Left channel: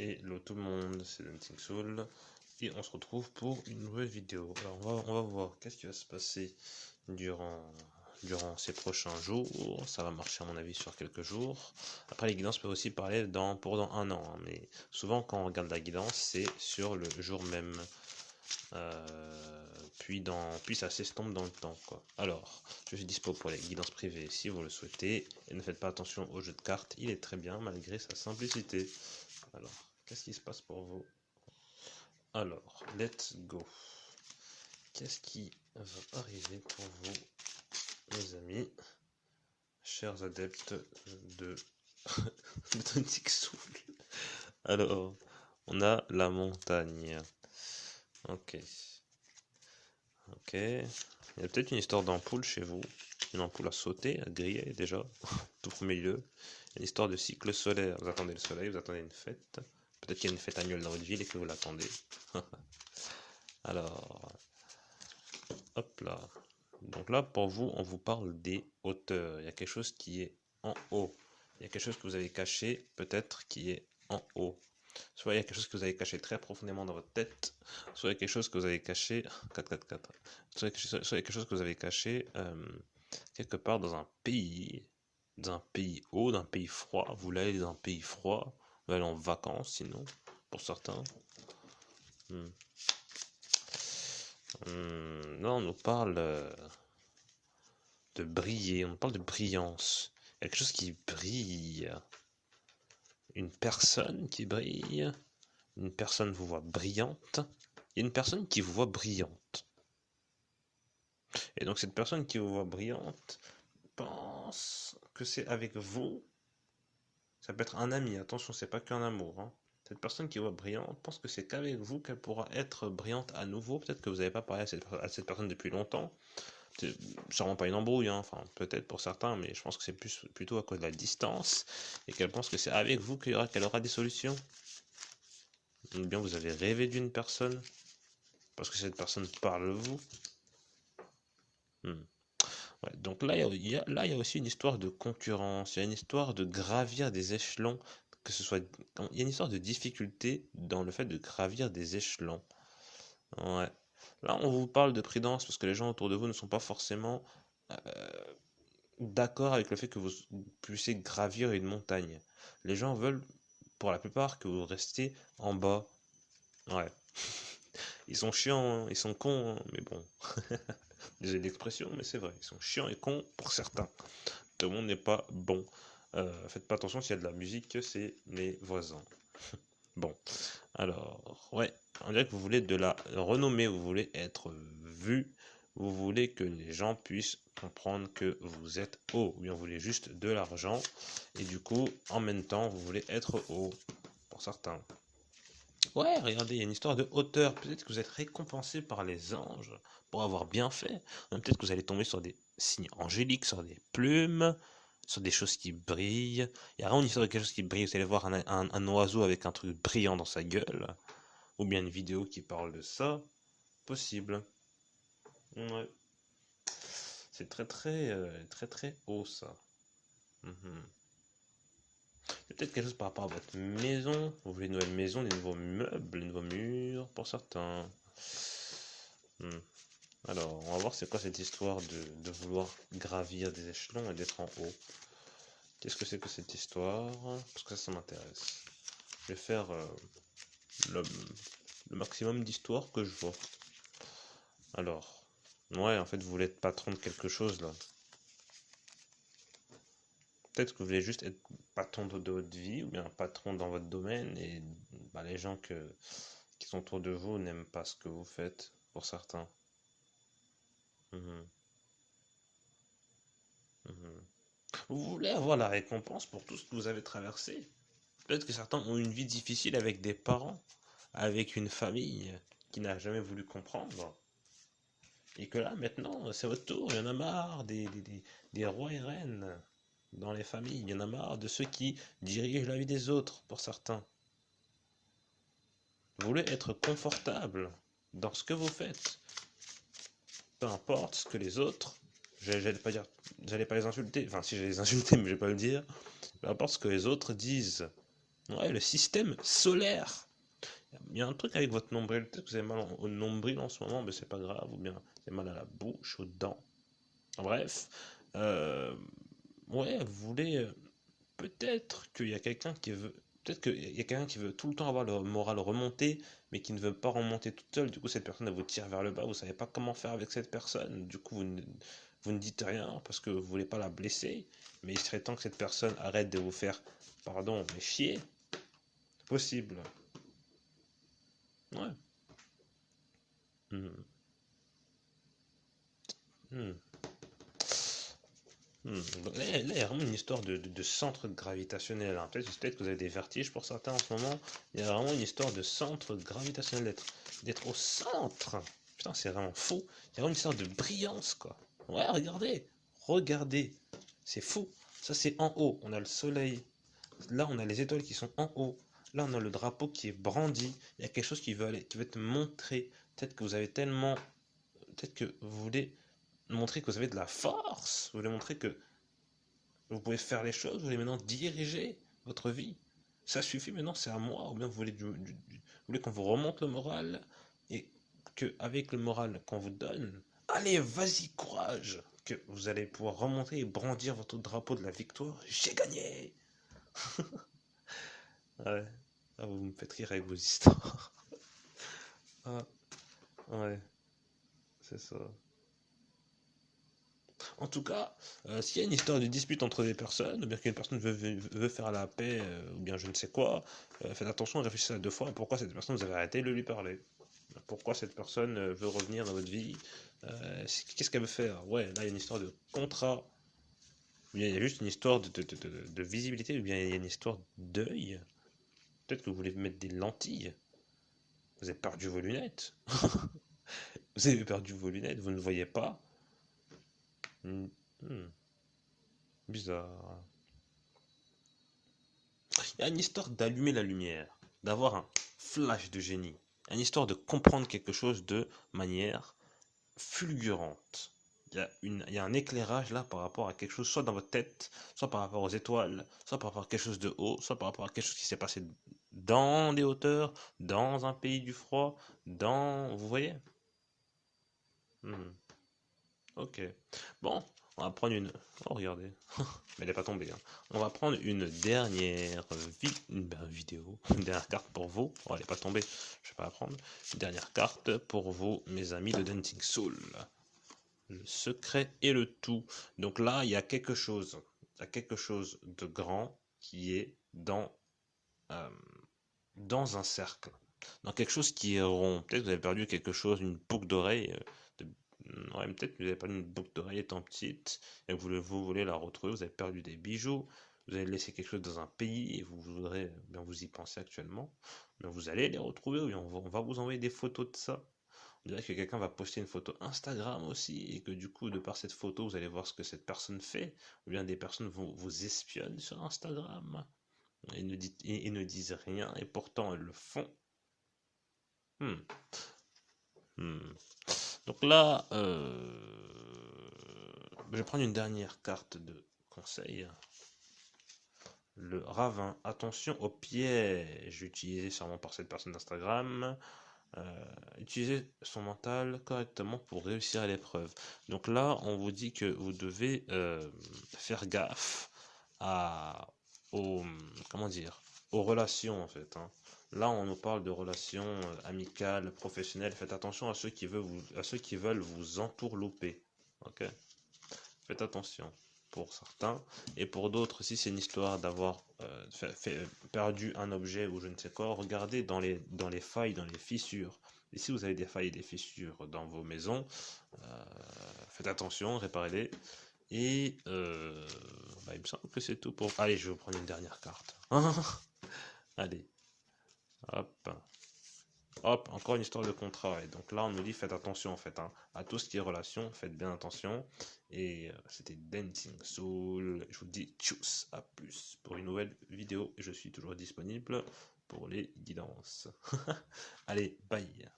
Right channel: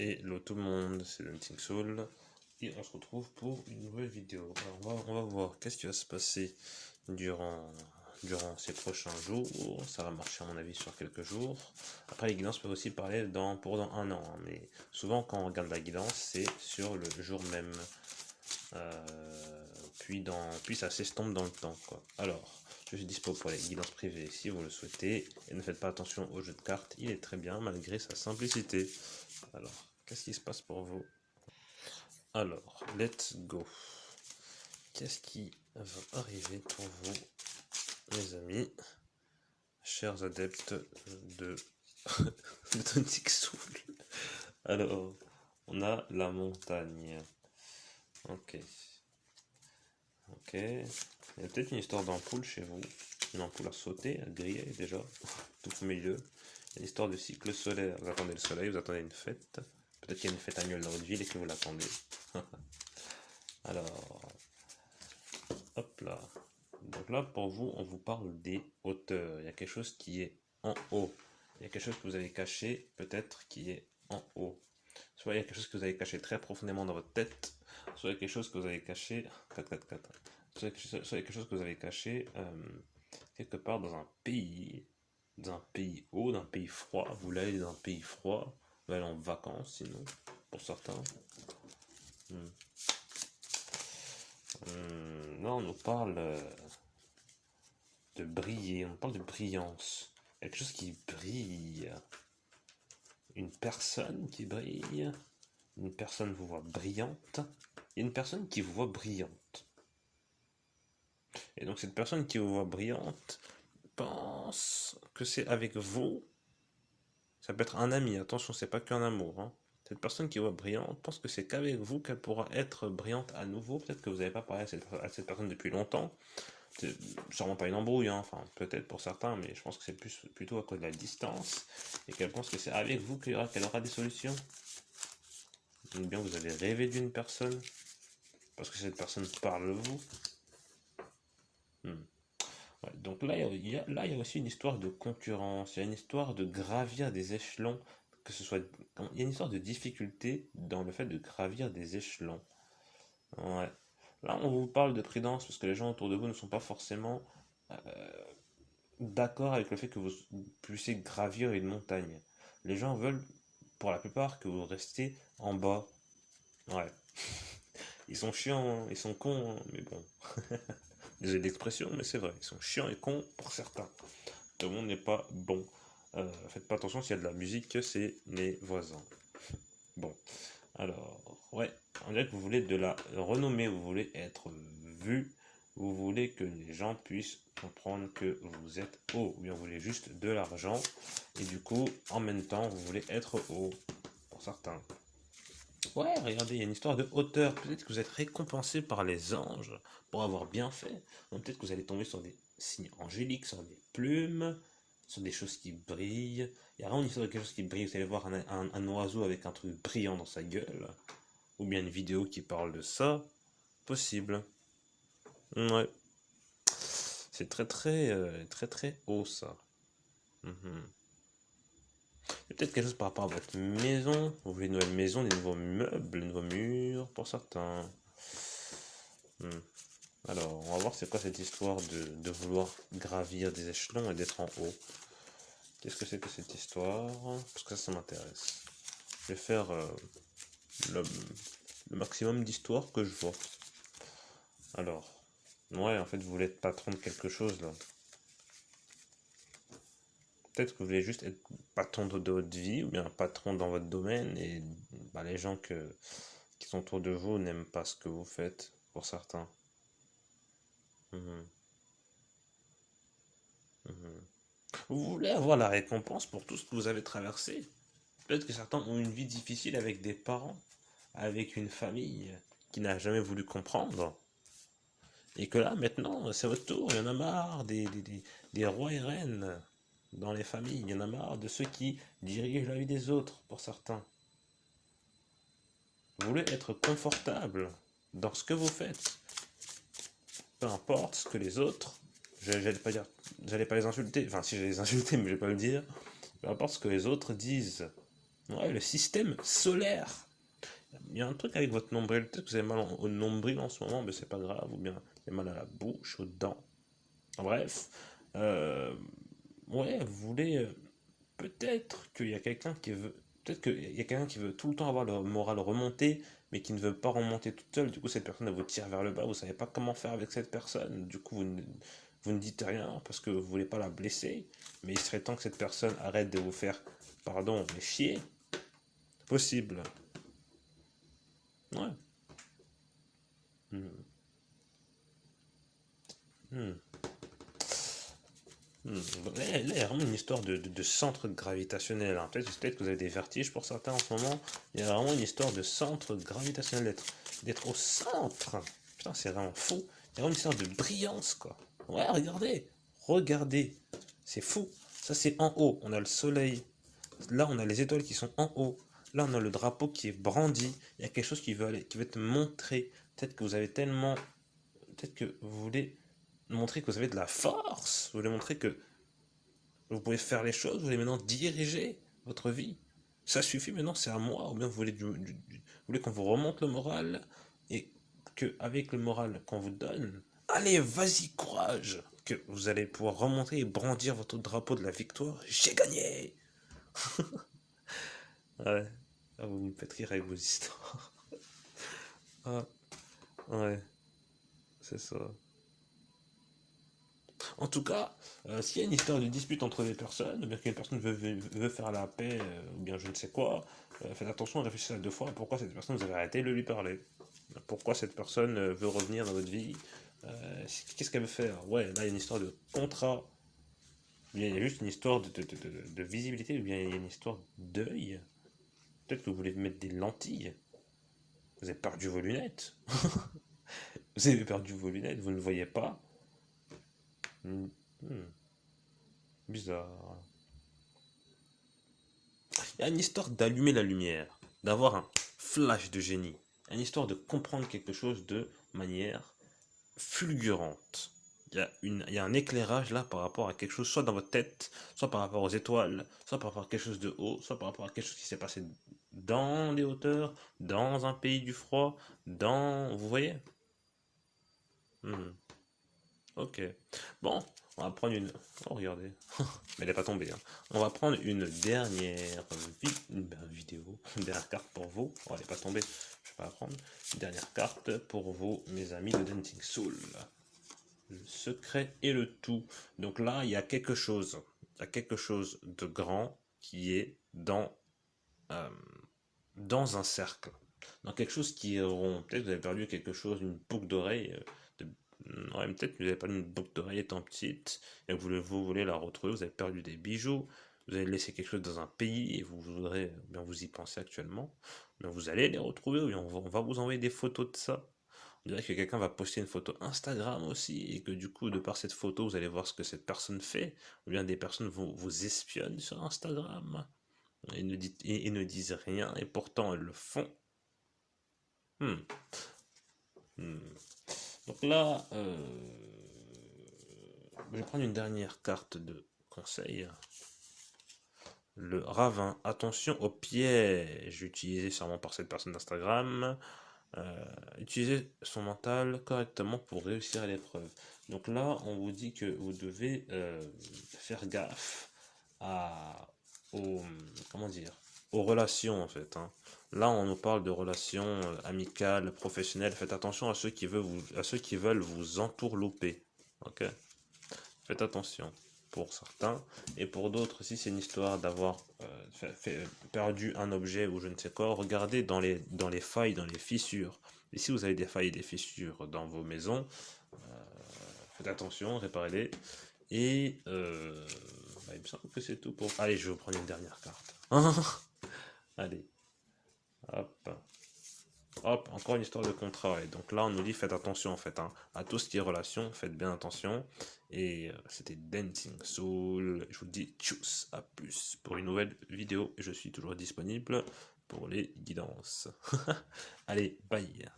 Hello tout le monde, c'est Hunting Soul et on se retrouve pour une nouvelle vidéo. Alors on va voir qu'est-ce qui va se passer durant ces prochains jours. Ça va marcher à mon avis sur quelques jours. Après les guidances peuvent aussi parler pour dans un an, hein, mais souvent quand on regarde la guidance c'est sur le jour même. Puis ça s'estompe dans le temps, quoi. Alors, je suis dispo pour les guidances privées si vous le souhaitez. Et ne faites pas attention au jeu de cartes, il est très bien malgré sa simplicité. Alors, qu'est-ce qui se passe pour vous? Alors, let's go. Qu'est-ce qui va arriver pour vous, mes amis, chers adeptes de Hunting Soul? Alors, on a la montagne. Ok. Il y a peut-être une histoire d'ampoule chez vous. Une ampoule à sauter, à griller déjà, tout au milieu. Il y a une histoire de cycle solaire. Vous attendez le soleil, vous attendez une fête. Peut-être qu'il y a une fête annuelle dans votre ville et que vous l'attendez. Alors, hop là. Donc là, pour vous, on vous parle des hauteurs. Il y a quelque chose qui est en haut. Il y a quelque chose que vous avez caché, peut-être, qui est en haut. Soit il y a quelque chose que vous avez caché très profondément dans votre tête, soit il y a quelque chose que vous avez caché... 4, 4, 4. Soit il y a quelque chose que vous avez caché quelque part dans un pays haut, d'un pays froid. Vous voulez aller dans un pays froid, vous voulez aller en vacances, sinon, pour certains. Là, on nous parle de briller, on parle de brillance. Il y a quelque chose qui brille. Une personne qui brille. Une personne vous voit brillante. Et une personne qui vous voit brillante. Et donc cette personne qui vous voit brillante pense que c'est avec vous. Ça peut être un ami, attention, c'est pas qu'un amour. Hein. Cette personne qui voit brillante pense que c'est qu'avec vous qu'elle pourra être brillante à nouveau. Peut-être que vous n'avez pas parlé à cette personne depuis longtemps. C'est sûrement pas une embrouille, hein. Enfin peut-être pour certains, mais je pense que c'est plutôt à cause de la distance et qu'elle pense que c'est avec vous qu'elle aura des solutions. Ou bien vous avez rêvé d'une personne parce que cette personne parle de vous. Ouais, donc là, il y a aussi une histoire de concurrence, il y a une histoire de gravir des échelons, que ce soit, il y a une histoire de difficulté dans le fait de gravir des échelons. Ouais. Là, on vous parle de prudence parce que les gens autour de vous ne sont pas forcément d'accord avec le fait que vous puissiez gravir une montagne. Les gens veulent, pour la plupart, que vous restiez en bas. Ouais. Ils sont chiants, hein, ils sont cons, hein, mais bon. Désolé l'expression, mais c'est vrai. Ils sont chiants et cons pour certains. Tout le monde n'est pas bon. Faites pas attention s'il y a de la musique, c'est mes voisins. Bon, alors, ouais, on dirait que vous voulez de la renommée, vous voulez être vu, vous voulez que les gens puissent comprendre que vous êtes haut, ou bien vous voulez juste de l'argent, et du coup, en même temps, vous voulez être haut, pour certains. Ouais, regardez, il y a une histoire de hauteur, peut-être que vous êtes récompensé par les anges pour avoir bien fait, peut-être que vous allez tomber sur des signes angéliques, sur des plumes, sur des choses qui brillent. Il y a vraiment une histoire de quelque chose qui brille. Vous allez voir un oiseau avec un truc brillant dans sa gueule. Ou bien une vidéo qui parle de ça. Possible. Ouais. C'est très haut ça. Peut-être quelque chose par rapport à votre maison. Vous voulez une nouvelle maison, des nouveaux meubles, des nouveaux murs pour certains. Alors, on va voir c'est quoi cette histoire de vouloir gravir des échelons et d'être en haut. Qu'est-ce que c'est que cette histoire? Parce que ça m'intéresse. Je vais faire le maximum d'histoires que je vois. Alors, ouais, en fait, vous voulez être patron de quelque chose là. Peut-être que vous voulez juste être patron de votre vie ou bien patron dans votre domaine et bah, les gens qui sont autour de vous n'aiment pas ce que vous faites pour certains. Vous voulez avoir la récompense pour tout ce que vous avez traversé. Peut-être que certains ont une vie difficile avec des parents, avec une famille qui n'a jamais voulu comprendre. Et que là, maintenant, c'est votre tour. Il y en a marre des rois et reines dans les familles. Il y en a marre de ceux qui dirigent la vie des autres, pour certains. Vous voulez être confortable dans ce que vous faites. Peu importe ce que les autres... J'allais pas les insulter. Enfin, si je les insulter, mais je vais pas le dire. Peu importe ce que les autres disent. Ouais, le système solaire. Il y a un truc avec votre nombril. Peut-être que vous avez mal au nombril en ce moment, mais c'est pas grave. Ou bien vous avez mal à la bouche, aux dents. Bref. Ouais, vous voulez. Peut-être qu'il y a quelqu'un qui veut. Peut-être qu'il y a quelqu'un qui veut tout le temps avoir le moral remonté, mais qui ne veut pas remonter toute seule. Du coup, cette personne elle vous tire vers le bas. Vous savez pas comment faire avec cette personne. Du coup, vous ne dites rien parce que vous voulez pas la blesser. Mais il serait temps que cette personne arrête de vous faire, pardon, mais chier. Possible. Ouais. Hmm. Hmm. Hmm. Là, il y a vraiment une histoire de centre gravitationnel, hein. Peut-être que vous avez des vertiges pour certains en ce moment. Il y a vraiment une histoire de centre gravitationnel, d'être au centre. Putain, c'est vraiment fou. Il y a vraiment une histoire de brillance, quoi. Ouais, regardez. Regardez. C'est fou. Ça, c'est en haut. On a le soleil. Là, on a les étoiles qui sont en haut. Là, on a le drapeau qui est brandi. Il y a quelque chose qui veut te montrer. Peut-être que vous avez tellement. Peut-être que vous voulez montrer que vous avez de la force. Vous voulez montrer que vous pouvez faire les choses. Vous voulez maintenant diriger votre vie. Ça suffit maintenant, c'est à moi. Ou bien vous voulez, vous voulez qu'on vous remonte le moral. Et qu'avec le moral qu'on vous donne, allez, vas-y, courage. Que vous allez pouvoir remonter et brandir votre drapeau de la victoire. J'ai gagné. Ouais. Ah, vous me faites rire avec vos histoires. Ah, ouais, c'est ça. En tout cas, s'il y a une histoire de dispute entre des personnes, ou bien qu'une personne veut faire la paix, ou bien je ne sais quoi, faites attention, réfléchissez à deux fois pourquoi cette personne, vous avez arrêté de lui parler. Pourquoi cette personne veut revenir dans votre vie. Qu'est-ce qu'elle veut faire. Ouais, là, il y a une histoire de contrat. Il y a juste une histoire de visibilité, ou bien il y a une histoire d'œil. Peut-être que vous voulez mettre des lentilles. Vous avez perdu vos lunettes. Vous avez perdu vos lunettes, vous ne voyez pas. Hmm, bizarre. Il y a une histoire d'allumer la lumière, d'avoir un flash de génie. Une histoire de comprendre quelque chose de manière fulgurante. Il y a un éclairage là par rapport à quelque chose, soit dans votre tête, soit par rapport aux étoiles, soit par rapport à quelque chose de haut, soit par rapport à quelque chose qui s'est passé dans les hauteurs, dans un pays du froid, dans... Vous voyez. Hmm. Ok. Bon, on va prendre une... Oh, regardez. Mais elle n'est pas tombée, hein. On va prendre une dernière vidéo, une dernière carte pour vous. Oh, elle n'est pas tombée, je vais pas la prendre. Une dernière carte pour vous, mes amis de Dancing Soul. Le secret et le tout. Donc là, il y a quelque chose. Il y a quelque chose de grand qui est euh, dans un cercle. Dans quelque chose qui est rond. Peut-être que vous avez perdu quelque chose, une boucle d'oreille. Non, peut-être que vous avez perdu une boucle d'oreille étant petite et que vous voulez la retrouver. Vous avez perdu des bijoux. Vous avez laissé quelque chose dans un pays et vous voudrez, bien vous y pensez actuellement. Mais vous allez les retrouver ou bien on va vous envoyer des photos de ça. On dirait que quelqu'un va poster une photo Instagram aussi et que du coup, de par cette photo, vous allez voir ce que cette personne fait. Ou bien des personnes vous espionnent sur Instagram et ne disent rien et pourtant elles le font. Hmm. Hmm. Donc là, je vais prendre une dernière carte de conseil. Le ravin. Attention aux pièges utilisés sûrement par cette personne d'Instagram. Utiliser son mental correctement pour réussir à l'épreuve. Donc là, on vous dit que vous devez faire gaffe aux, comment dire, aux relations en fait, hein. Là, on nous parle de relations amicales, professionnelles. Faites attention à ceux qui veulent vous entourlouper. Ok. Faites attention pour certains. Et pour d'autres, si c'est une histoire d'avoir perdu un objet ou je ne sais quoi, regardez dans les failles, dans les fissures. Et si vous avez des failles et des fissures dans vos maisons, faites attention, réparez-les. Et il me semble que c'est tout pour... Allez, je vais vous prendre une dernière carte. Allez, hop. Hop, encore une histoire de contrat. Et donc là, on nous dit faites attention en fait, hein, à tout ce qui est relation, faites bien attention. Et c'était Dancing Soul. Je vous dis tchuss, à plus pour une nouvelle vidéo. Je suis toujours disponible pour les guidances. Allez, bye.